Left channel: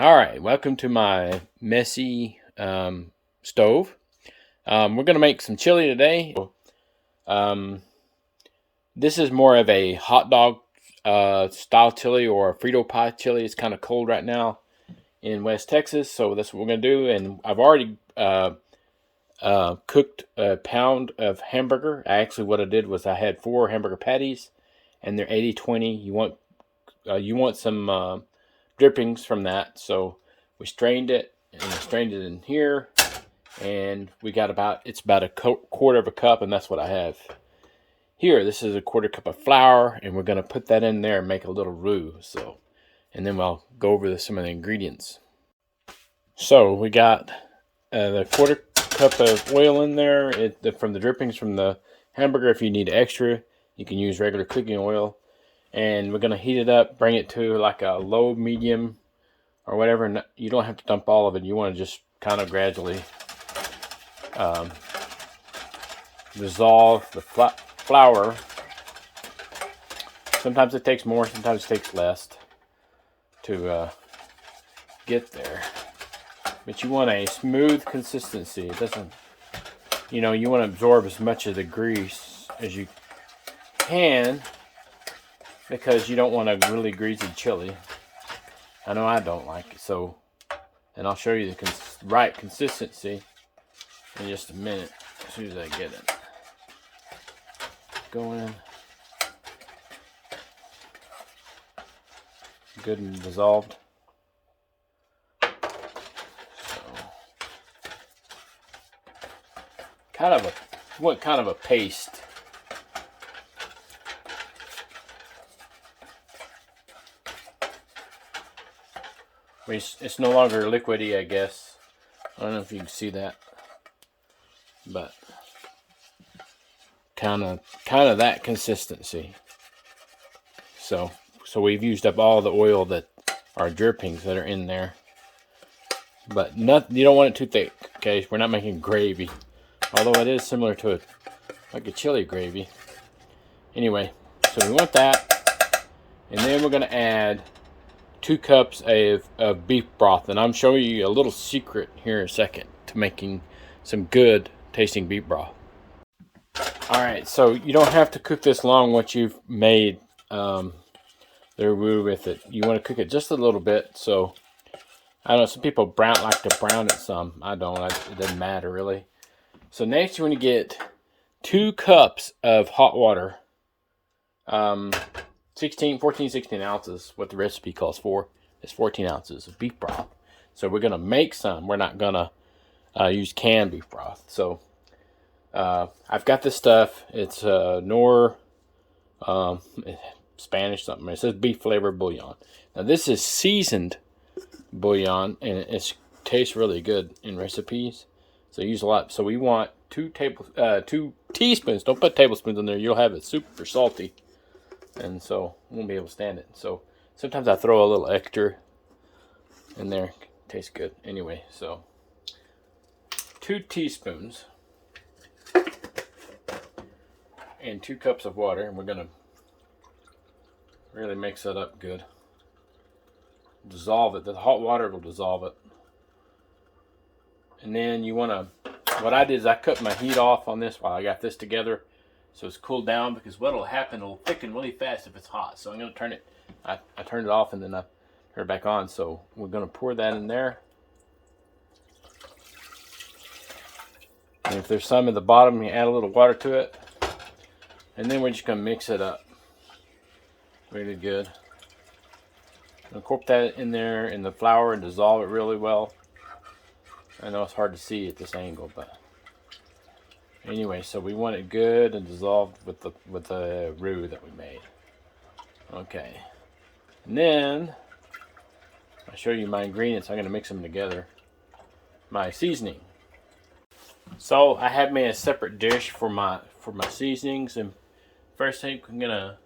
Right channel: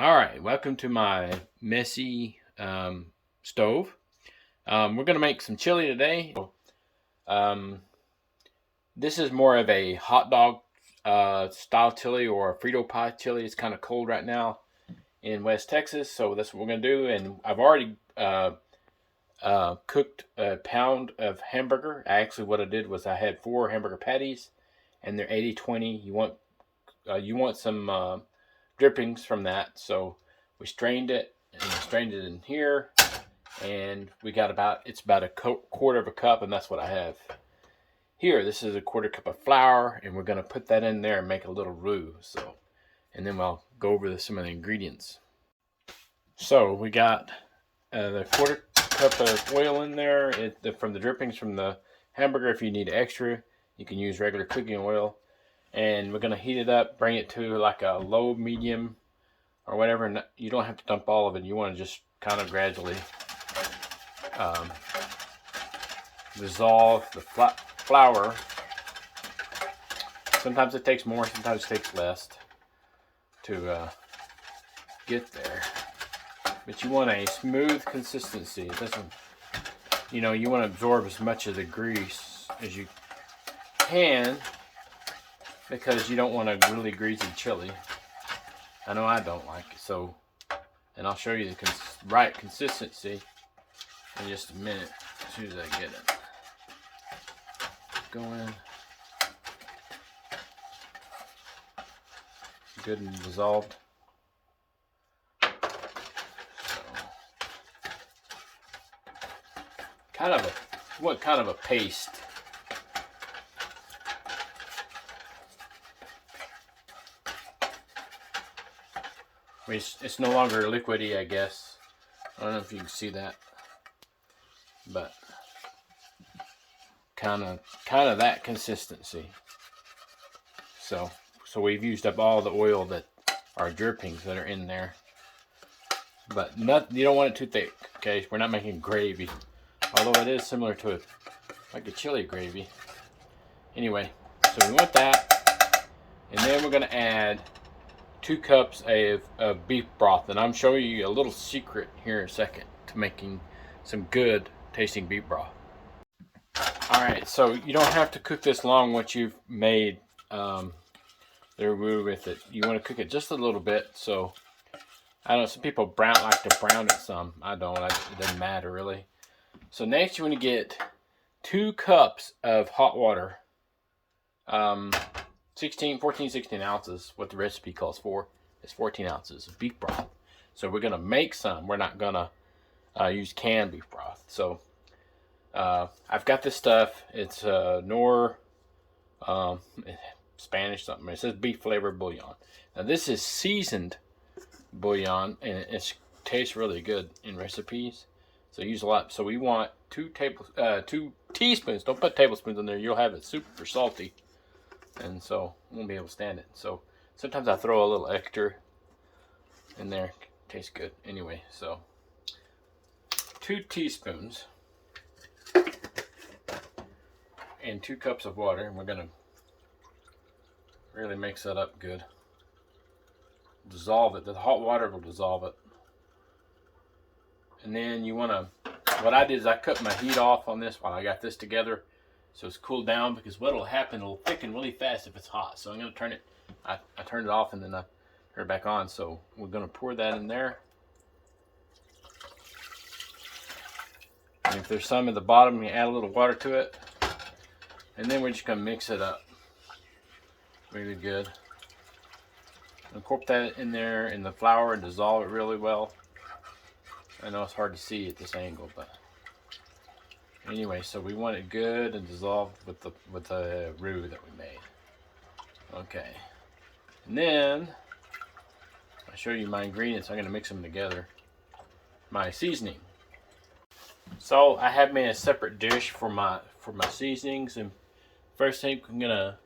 All right, welcome to my messy stove. We're gonna make some chili today. Um, this is more of a hot dog style chili or a frito pie chili. It's kind of cold right now in West Texas, so that's what we're gonna do. And I've already cooked a pound of hamburger. Actually, what I did was I had 4 hamburger patties, and they're 80/20. You want some drippings from that, so we strained it and I strained it in here, and we got it's about a quarter of a cup, and that's what I have here. This is a quarter cup of flour, and we're going to put that in there and make a little roux. So, and then I'll go over some of the ingredients. So we got the quarter cup of oil in there from the drippings from the hamburger. If you need extra, you can use regular cooking oil. And we're going to heat it up, bring it to like a low, medium, or whatever. You don't have to dump all of it. You want to just kind of gradually dissolve the flour. Sometimes it takes more, sometimes it takes less to get there. But you want a smooth consistency. It doesn't, you want to absorb as much of the grease as you can, because you don't want a really greasy chili. I know I don't like it, so, and I'll show you the right consistency in just a minute as soon as I get it going. Good and dissolved. So, kind of a paste. It's no longer liquidy, I guess. I don't know if you can see that, but kind of that consistency. So we've used up all the oil that are drippings that are in there, but you don't want it too thick. Okay, we're not making gravy, although it is similar to like a chili gravy. Anyway, so we want that, and then we're gonna add 2 cups of beef broth, and I'm showing you a little secret here in a second to making some good tasting beef broth. Alright, so you don't have to cook this long once you've made the roux with it. You want to cook it just a little bit. So I know some people like to brown it some. I don't. It doesn't matter really. So next you want to get 2 cups of hot water. 16 ounces, what the recipe calls for, is 14 ounces of beef broth. So we're going to make some. We're not going to use canned beef broth. So I've got this stuff. It's Nor Spanish something. It says beef flavored bouillon. Now this is seasoned bouillon, and it tastes really good in recipes. So use a lot. So we want 2 teaspoons. Don't put tablespoons in there. You'll have it super salty, and so you won't be able to stand it. So sometimes I throw a little extra in there. Tastes good. Anyway, so 2 teaspoons and 2 cups of water, and we're gonna really mix that up good. Dissolve it. The hot water will dissolve it. And then you want to, what I did is I cut my heat off on this while I got this together, so it's cooled down, because what will happen, it'll thicken really fast if it's hot. So I'm going to turn it, I turned it off and then I turn it back on. So we're going to pour that in there. And if there's some at the bottom, you add a little water to it. And then we're just going to mix it up really good. I'm going to that in there in the flour and dissolve it really well. I know it's hard to see at this angle, but anyway, so we want it good and dissolved with the roux that we made. Okay, and then I'll show you my ingredients. I'm going to mix them together. My seasoning. So I have made a separate dish for my seasonings, and first thing we're going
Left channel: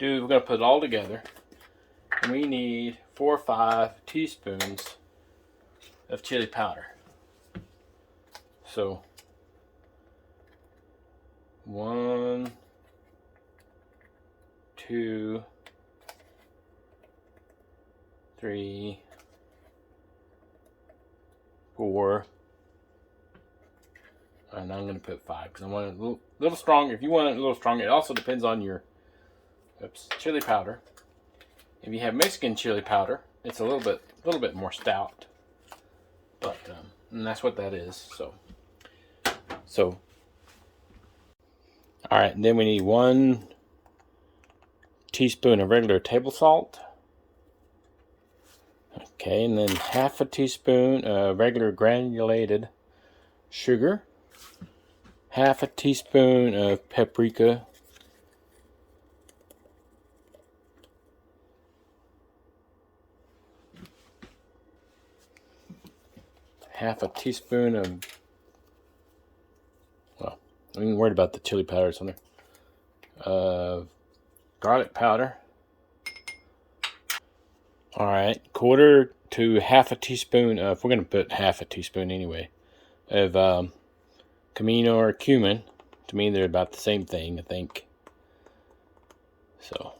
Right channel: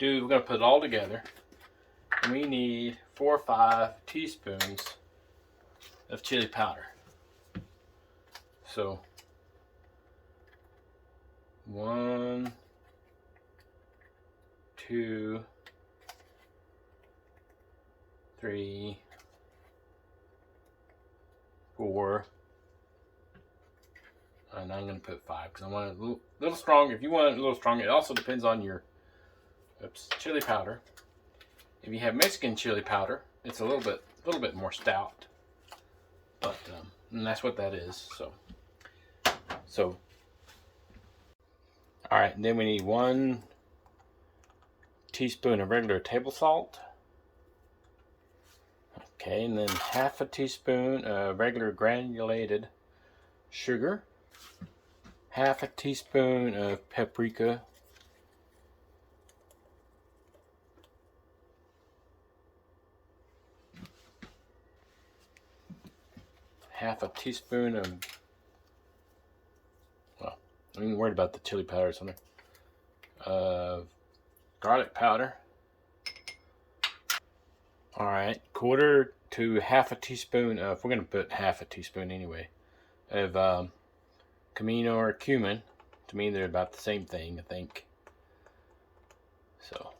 to put it all together. And we need 4 or 5 teaspoons of chili powder. So 1, 2, 3, 4. And I'm going to put 5 because I want it a little strong. If you want it a little stronger, it also depends on your chili powder. If you have Mexican chili powder, it's a little bit more stout. But and that's what that is. So all right. And then we need 1 teaspoon of regular table salt. Okay, and then half a teaspoon of regular granulated sugar. Half a teaspoon of paprika. Half a teaspoon of, well, I'm even worried about the chili powder or something. Garlic powder. All right, 1/4 to half a teaspoon of, we're going to put half a teaspoon anyway, of cumin or cumin. To me, they're about the same thing, I think. So,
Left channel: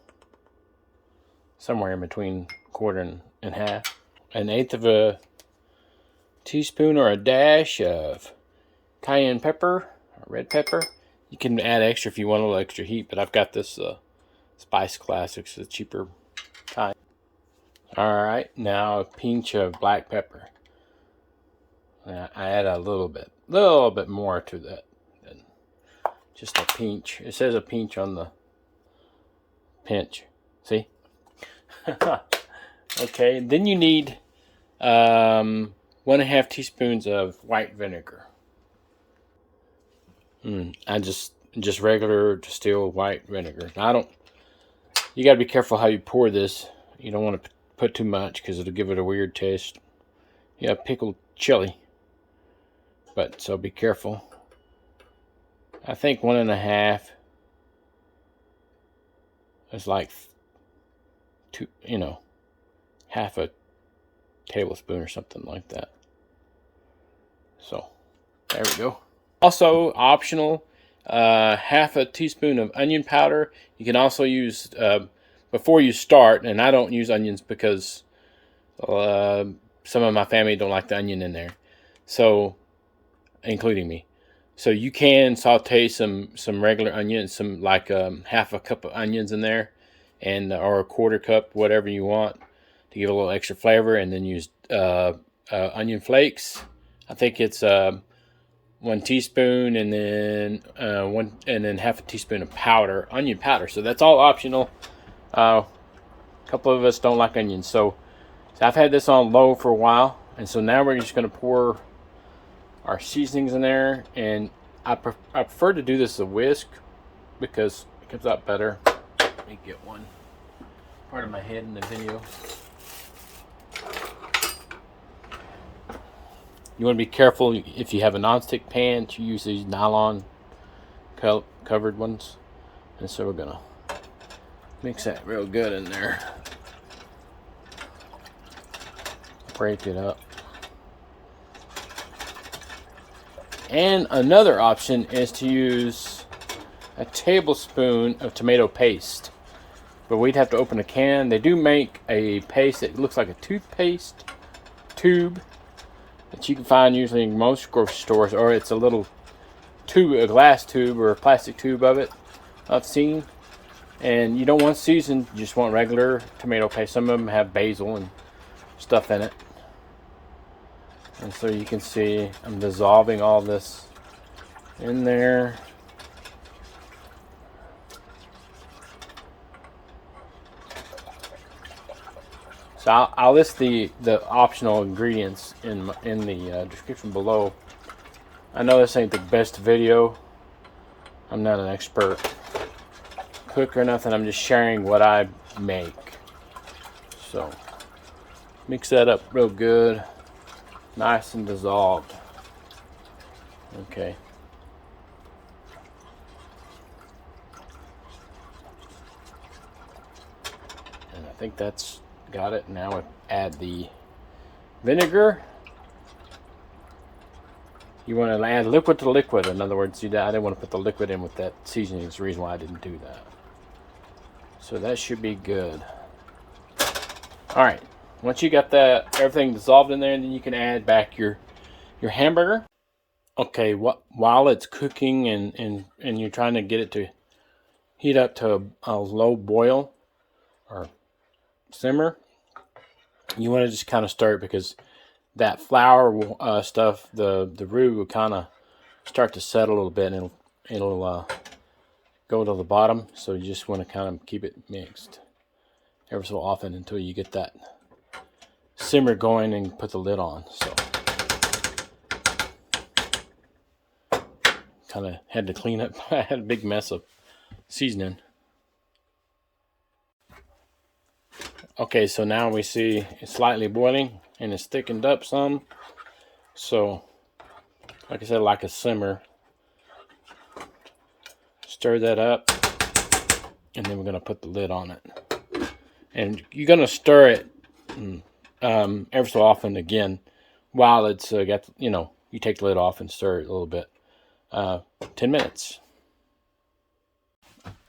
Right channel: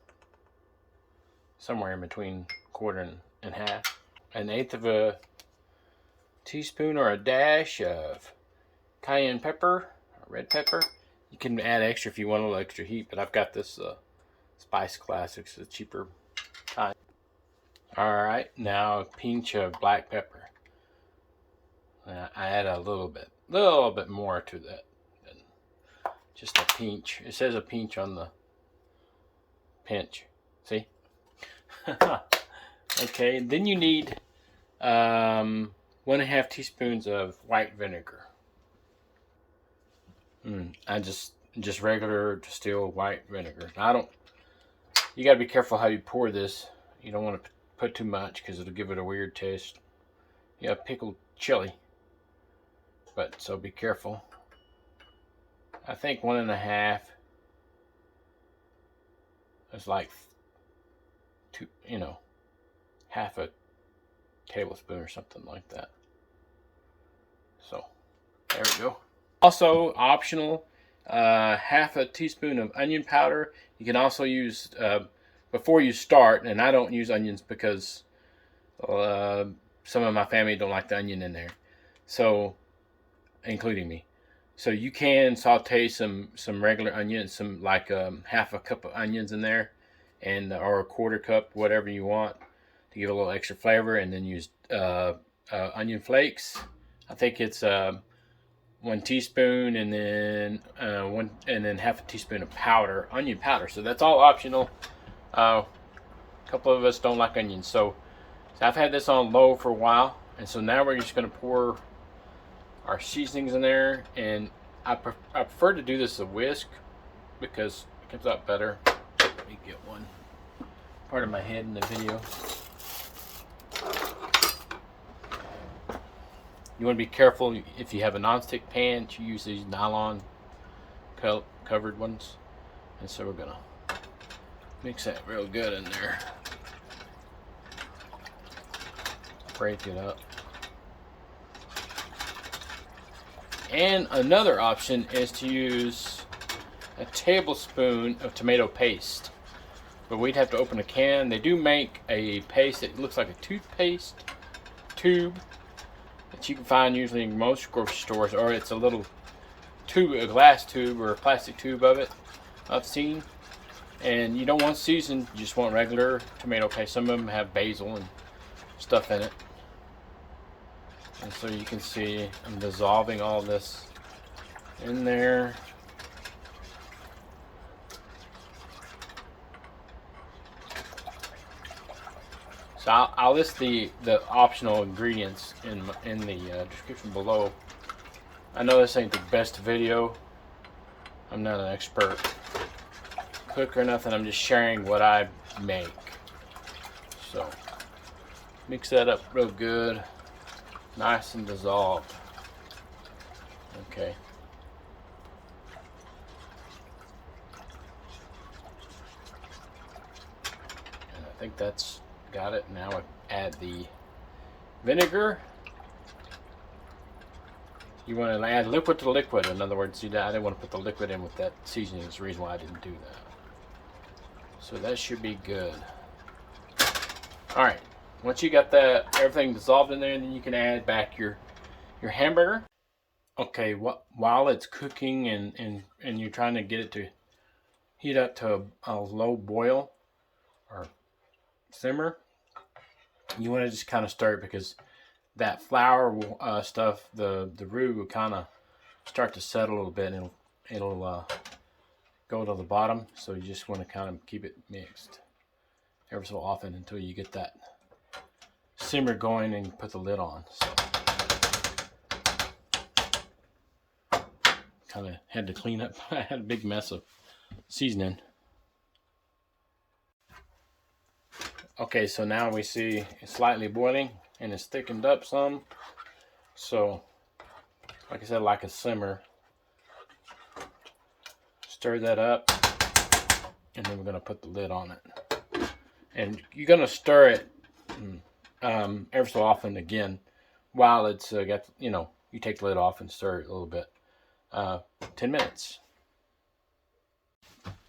somewhere in between 1/4 and half. 1/8 of a teaspoon or a dash of cayenne pepper, or red pepper. You can add extra if you want a little extra heat, but I've got this Spice Classics, the cheaper kind. All right, now a pinch of black pepper. I add a little bit more to that than just a pinch. It says a pinch on the pinch. See? Okay, then you need 1.5 teaspoons of white vinegar. I just regular distilled white vinegar. You gotta be careful how you pour this. You don't want to put too much because it'll give it a weird taste. Yeah, pickled chili. But so be careful. I think 1.5 is like half a tablespoon or something like that. So there we go. Also optional, half a teaspoon of onion powder. You can also use before you start, and I don't use onions because some of my family don't like the onion in there, so including me. So you can saute some regular onions, some like half a cup of onions in there, and or a 1/4 cup, whatever you want, to give a little extra flavor, and then use onion flakes. I think it's 1 teaspoon, and then half a teaspoon of onion powder. So that's all optional. A couple of us don't like onions, so I've had this on low for a while, and so now we're just going to pour our seasonings in there, and I prefer to do this with a whisk because it comes out better. Let me get one part of my head in the video. You want to be careful if you have a nonstick pan to use these nylon covered ones. And so we're gonna mix that real good in there. Break it up. And another option is to use a tablespoon of tomato paste. But we'd have to open a can. They do make a paste that looks like a toothpaste tube that you can find usually in most grocery stores, or it's a little tube, a glass tube or a plastic tube of it I've seen. And you don't want seasoned, you just want regular tomato paste. Some of them have basil and stuff in it. And so you can see I'm dissolving all this in there. So I'll list the optional ingredients in the description below. I know this ain't the best video. I'm not an expert cook or nothing. I'm just sharing what I make. So mix that up real good, nice and dissolved. Okay. And I think that's got it. Now add the vinegar. You want to add liquid to liquid. In other words, I didn't want to put the liquid in with that seasoning. That's the reason why I didn't do that. So that should be good. All right. Once you got that everything dissolved in there, then you can add back your your hamburger. Okay, while it's cooking and you're trying to get it to heat up to a low boil or simmer, you want to just kind of stir it, because that flour stuff, the roux will kind of start to settle a little bit, and it'll go to the bottom. So you just want to kind of keep it mixed ever so often until you get that simmer going and put the lid on. So kind of had to clean up. I had a big mess of seasoning. Okay, so now we see it's slightly boiling and it's thickened up some. So like I said, like a simmer. Stir that up, and then we're going to put the lid on it. And you're going to stir it ever so often again while it's got, you take the lid off and stir it a little bit. 10 minutes.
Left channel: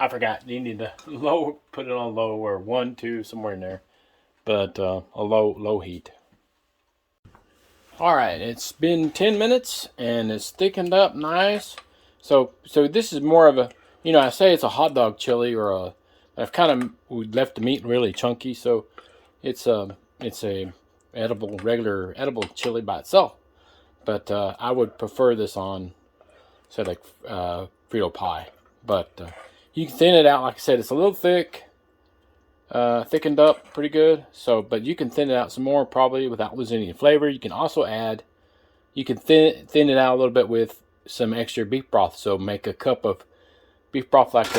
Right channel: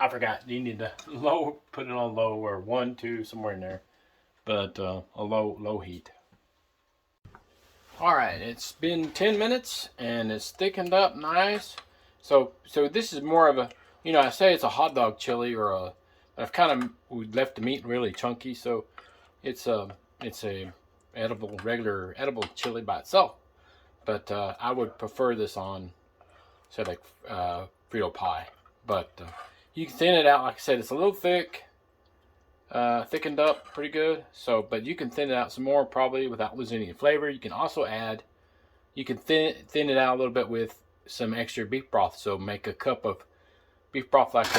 I forgot, you need to put it on low, or 1, 2, somewhere in there, but a low heat. All right, it's been 10 minutes and it's thickened up nice. So this is more of a, I say it's a hot dog chili, or I've kind of left the meat really chunky, so it's a regular edible chili by itself. But I would prefer this on, say, like frito pie. But you can thin it out. Like I said, it's a little thick, thickened up pretty good. So, but you can thin it out some more probably without losing any flavor. You can also add, you can thin it out a little bit with some extra beef broth. So make a cup of beef broth like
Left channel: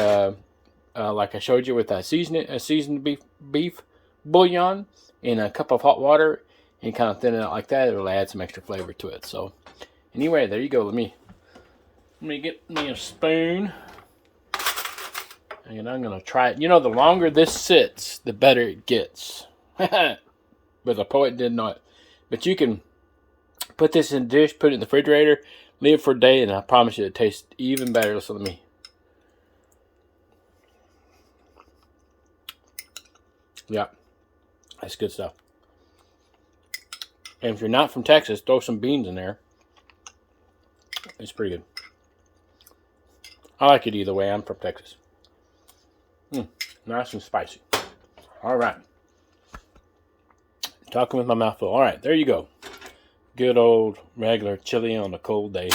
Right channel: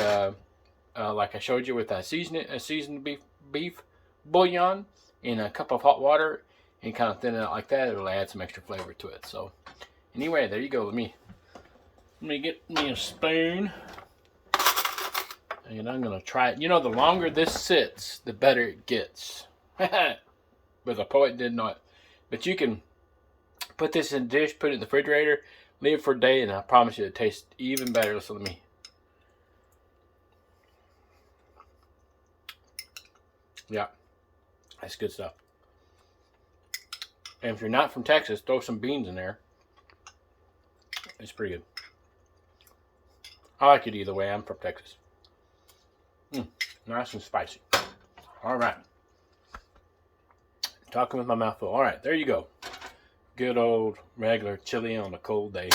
I showed you with that seasoned beef bouillon in a cup of hot water, and kind of thin it out like that. It'll add some extra flavor to it. So anyway, there you go. Let me get me a spoon, and I'm gonna try it. The longer this sits, the better it gets. But the poet did not. But you can put this in a dish, put it in the refrigerator, leave it for a day, and I promise you it tastes even better. Listen to me. Yeah, that's good stuff. And if you're not from Texas, throw some beans in there. It's pretty good. I like it either way. I'm from Texas. Nice and spicy. All right. Talking with my mouth full. All right, there you go. Good old regular chili on a cold day.